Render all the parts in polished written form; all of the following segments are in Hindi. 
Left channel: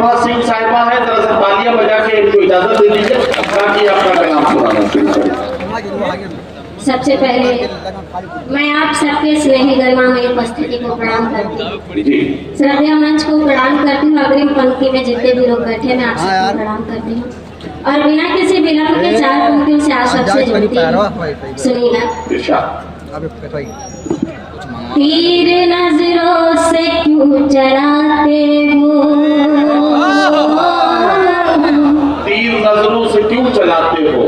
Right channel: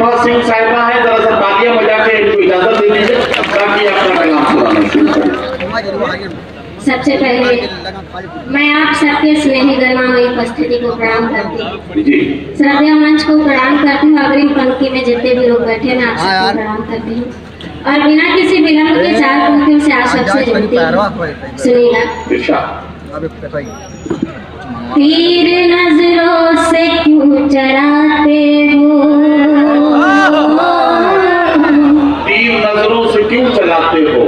विभा सिंह साहिबा है, जरा सा तालियां बजा के इनको इजाजत दे दीजिए ताकि अपना कलाम सुनाना शुरू करें। सबसे पहले मैं आप सबके स्नेही गरिमा में उपस्थिति को प्रणाम करती हूँ। श्रद्धेय मंच को प्रणाम करती हूँ। अग्रिम पंक्ति में जितने भी लोग बैठे मैं आप सबको प्रणाम करती हूँ और बिना किसी विलंब के 4 पंक्तियों से आप सबसे जुड़ती हूँ। सुनिएगा। तीर नजरों से क्यों चराते हो, तीर नजरों से क्यों चलाते हो,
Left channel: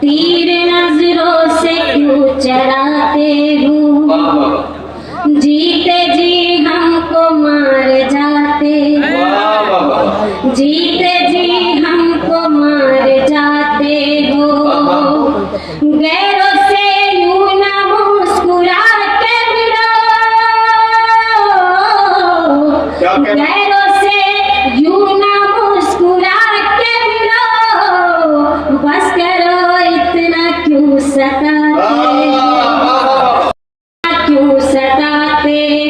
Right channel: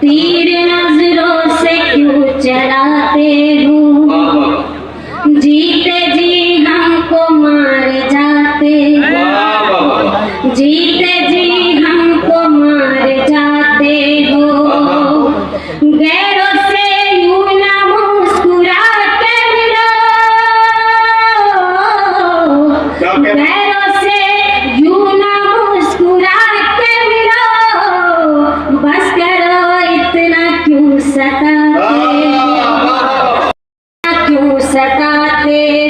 तीर नजरों से क्यों चराते हो, जीते जी हमको मार जाते हो, जीते जी हमको मार जाते हो, गैरों से यूं ना मुस्कुरा के मिलो, गैरों से यूं ना मुस्कुरा के मिलो, बस करो इतना क्यों सताते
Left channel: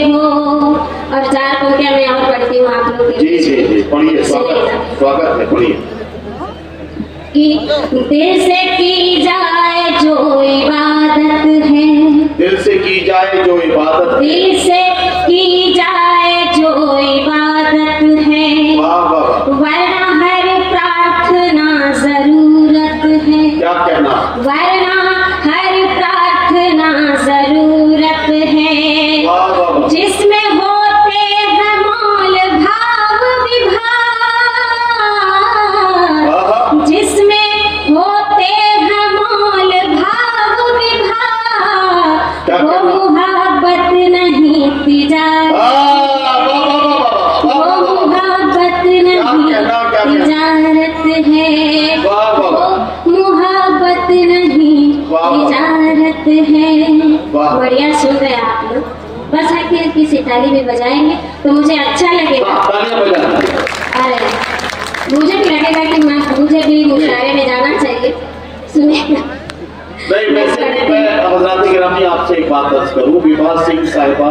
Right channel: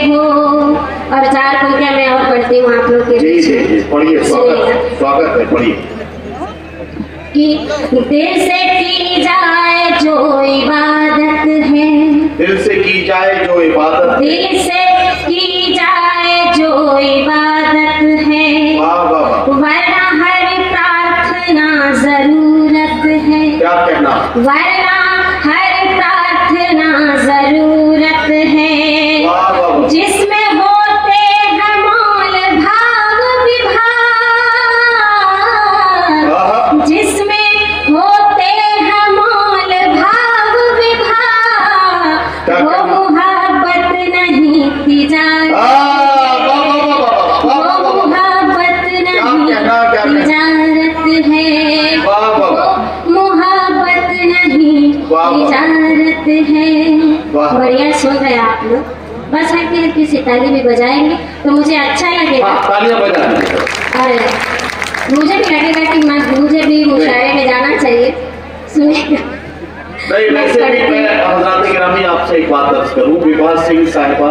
हो। और 4 पंक्तियां मैं और पढ़ती हूँ आप लोग के जी पढ़िए, स्वागत है, पढ़िए। कि दिल से की जाए जो इबादत है, दिल से की जाए जो इबादत, दिल से की जाए जो इबादत है, वरना हर प्रार्थना जरूरत है, क्या कहना, वरना हर प्रार्थना जरूरत है, जिसमें होते हैं मोल भाव विभाग, जिसमें होते हैं मोल भाव विभाग, वो मोहब्बत नहीं तिजारत, वो मोहब्बत नहीं तिजारत है, वो मोहब्बत नहीं तिजारत है। बढ़िया सुन रहे आप लोग, बस हल्की हल्की सी ताली भी बजाएंगे तो मुझे अच्छा लगेगा और मुझे भी लगेगा कि मुझे भी मुशायरे में जाना चाहिए। सुनिएगा। नहीं, वैसे मैं हज़रात गिरामी आपसे एक बात अर्ज करूं, विभा सिंह साहिबा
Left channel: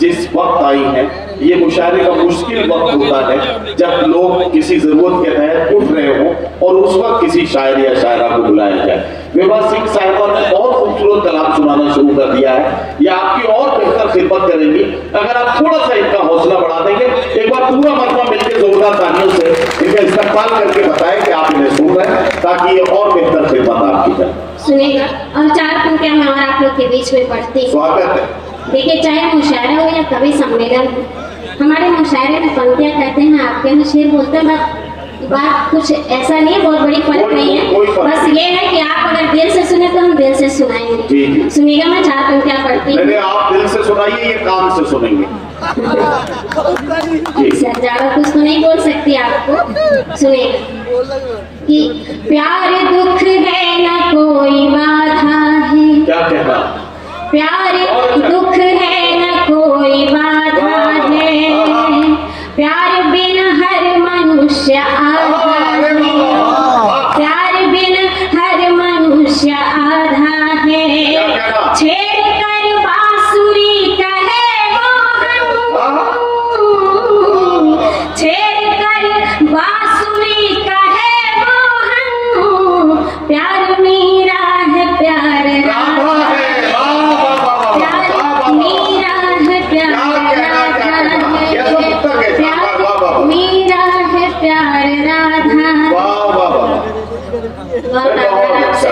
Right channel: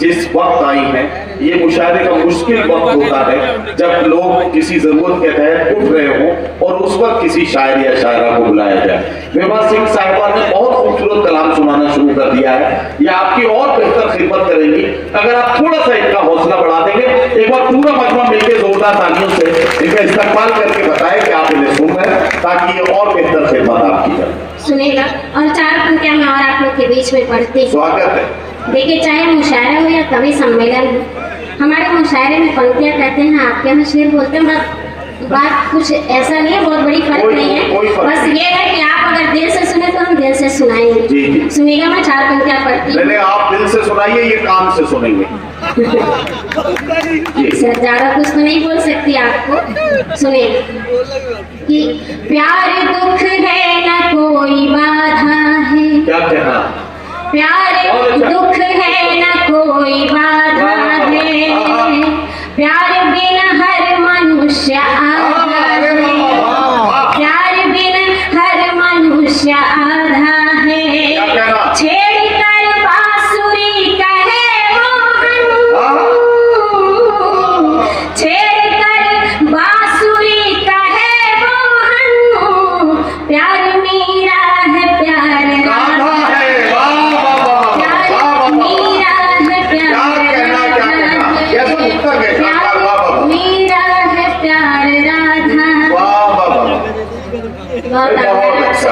जिस वक्त आई है, ये मुशायरे का मुश्किल वक्त होता है जब लोग किसी जरूरत के तहत उठ रहे हो और उस वक्त किसी शायर या शायरा को बुलाया जाए। विभा सिंह साहिबा ने बहुत खूबसूरत कलाम सुनाना शुरू कर दिया है, ये आपकी और बेहतर खिदमत करेंगी अगर आप थोड़ा सा इनका हौसला बढ़ा देंगे। एक बार पूरा मजमा मिलकर जोरदार तालियों से इनका इस्तेमाल करके बताएं कि आप इन्हें सुन रहे हैं ताकि ये और बेहतर खिदमत आपकी करें। सुनेगा। और 4 पंक्तियां मैं और आप लोग के बीच में पढ़ती हूँ। स्वागत है। देखिए, चाहे मुशायरा हो या कवि सम्मेलन हो, हमारे मुशायरे में पंक्तियां कहते हैं, आपके यहाँ शेर बोलते हैं। बात कुछ ऐसा नहीं है, बहुत बड़ी फर्क नहीं है, बस ये है कि आप अगर दिल से सुने तो हम दिल से सुनाएंगे। सुनिएगा। मैं 4 पंक्तियां पढ़ती हूँ। आप दिल से सुनाइए, ये कान से सुनेंगे। सर ज्यादा कुछ तो नहीं बोल सकती आपको। सुनिएगा कि प्यार दुख है न कोई बाधा है, क्या कहना, प्यार दुख है न कोई बाधा है, प्यार बिन हर मनुष्य आधा है, प्यार बिन हर मनुष्य आधा है, छेड़ कर बांसुरी कहे मोहन, छेड़ कर बांसुरी कहे मोहन, प्यार मेरा है प्यार राधा है, प्यार मेरा है प्यार राधा है, प्यार मेरा है प्यार राधा। वाह वाह वाह, बहुत अच्छा।